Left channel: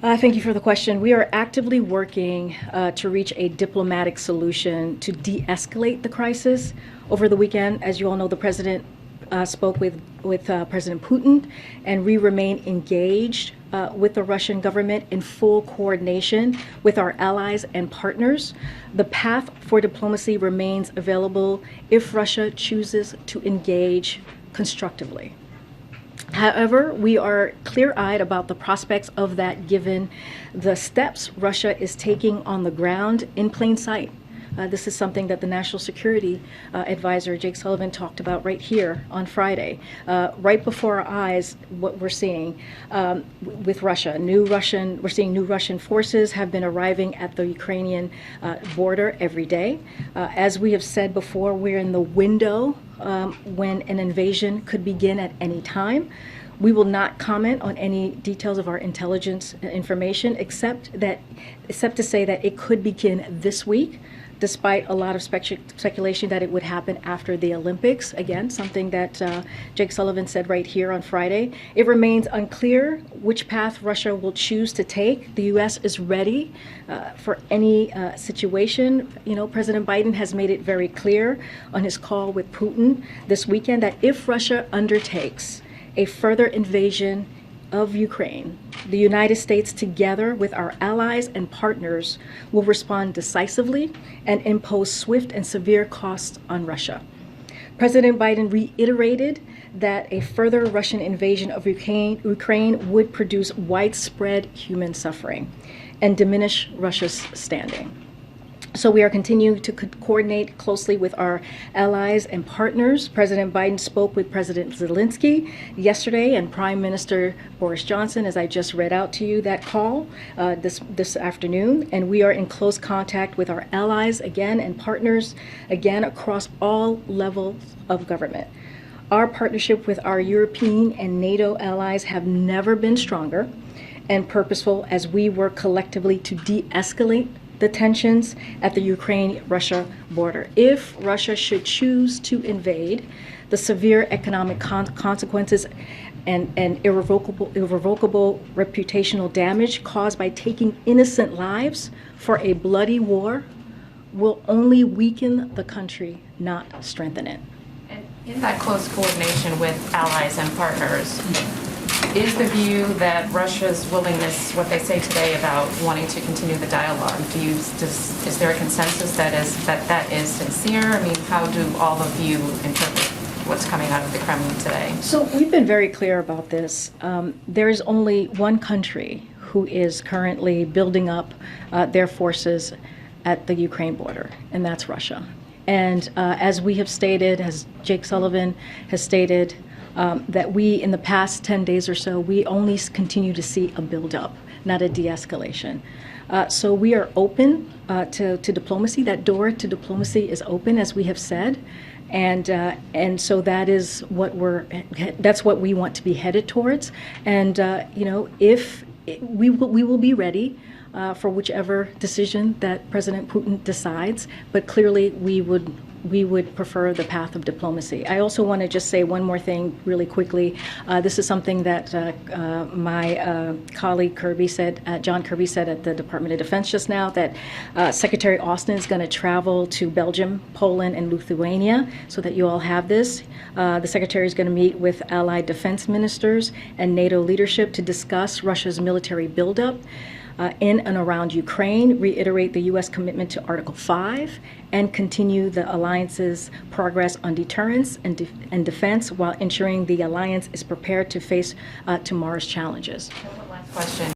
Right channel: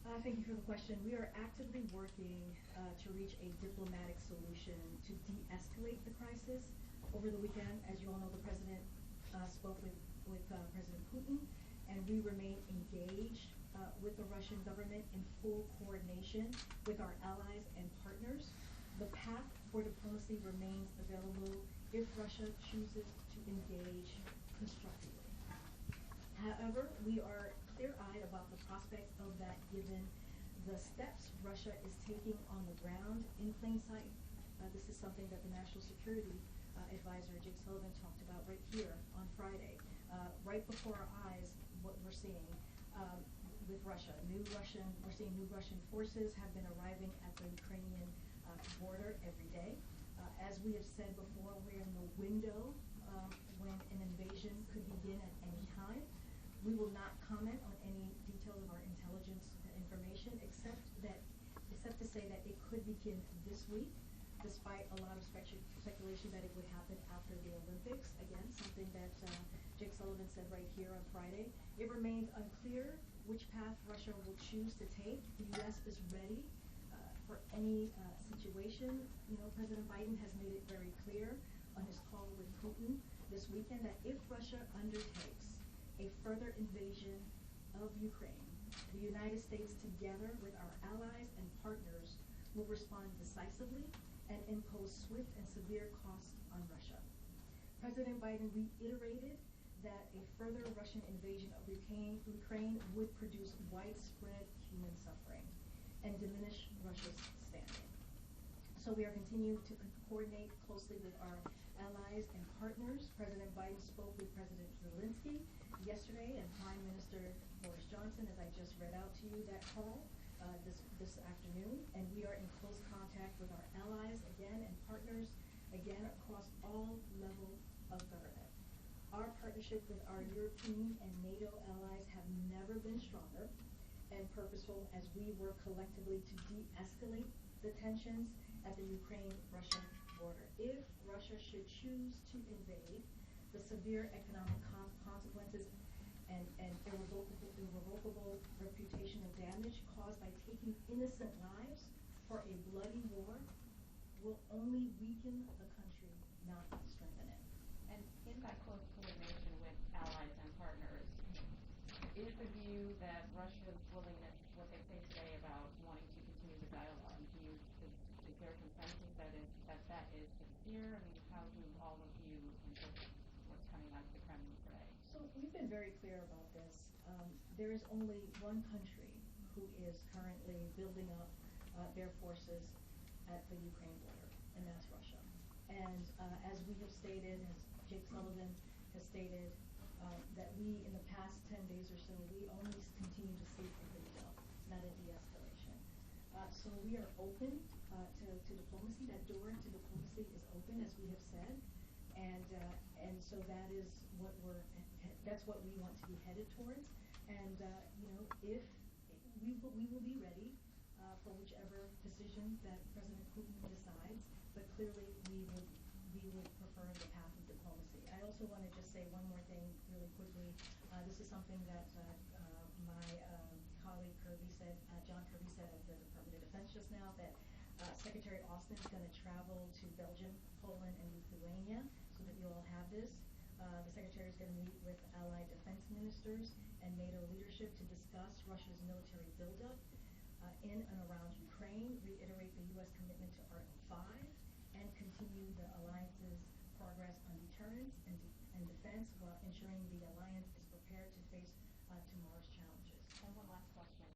Thank you for the question. We are actively working to reach a diplomatic solution to de-escalate the crisis. Over the weekend, as you all know, the president spoke with President Putin, and we remain engaged with the Russian government in full coordination with our allies and partners. The path for diplomacy remains available if Russia chooses to engage constructively. However, we are clear-eyed about the prospects of that given the steps Russia is taking on the ground in plain sight. This is something that the National Security Advisor, Jake Sullivan, talked about right here on Friday. Right before our eyes, what we're seeing with Russia. We're seeing new Russian forces have been arriving at the Ukrainian border every day. As we have said before, we're in the window when an invasion could begin at any time. We will not comment on any details of our intelligence information, except to say that it could begin this week, despite a lot of speculation that it would happen after the Olympics. Again, something that Jake Sullivan said right here on Friday. It remains unclear which path Russia will choose to take. The U.S. is ready for any situation. You know, President Biden has made it very clear on his call with Putin this weekend that if Russia undertakes a further invasion of Ukraine, the United States, together with our allies and partners, will respond decisively and impose swift and severe costs on Russia. President Biden reiterated that a further Russian invasion of Ukraine would produce widespread human suffering and diminish Russia's standing. So we are continuing to coordinate closely with our allies and partners. President Biden spoke with President Zelensky yesterday and Prime Minister Boris Johnson, as I just read out to you that call this afternoon. And we are in close contact with our allies again and partners again across all levels of government. Our partnership with our European and NATO allies have never been stronger and purposeful as we work collectively to de-escalate the tensions at the Ukraine-Russia border. If Russia should choose to invade, the severe economic consequences and irrevocable reputational damage caused by taking innocent lives for a bloody war will only weaken the country, not strengthen it. And in that close coordination with allies and partners, is the view that Russia's willingness, what they say today about wanting to continue the dialogue, is there a consensus that is sincere? I mean, how do all of you interpret what's coming out of the Kremlin today? So we've been very clear about this. There is only one country who is currently building up their forces at the Ukraine border, and that's Russia. And as we have stated, as Jake Sullivan has stated, that we, in the past 10 days or so, we only continue to see a buildup, not a de-escalation. So we are open to diplomacy. That door to diplomacy is open, as we have said, and so that is that's what we want to be headed towards. And you know, if we will be ready for whichever decision that President Putin decides, but clearly we would prefer the path of diplomacy. I also want to just say one more thing really quickly. This is something that my colleague John Kirby said at the Department of Defense just now, that Secretary Austin is going to travel to Belgium, Poland, and Lithuania, so that you all have this. The Secretary is going to meet with allied defense ministers and NATO leadership to discuss Russia's military buildup in and around Ukraine, reiterate the U.S. commitment to Article 5, and continue the alliance's progress on deterrence and defense while ensuring the alliance is prepared to face tomorrow's challenges. One last question.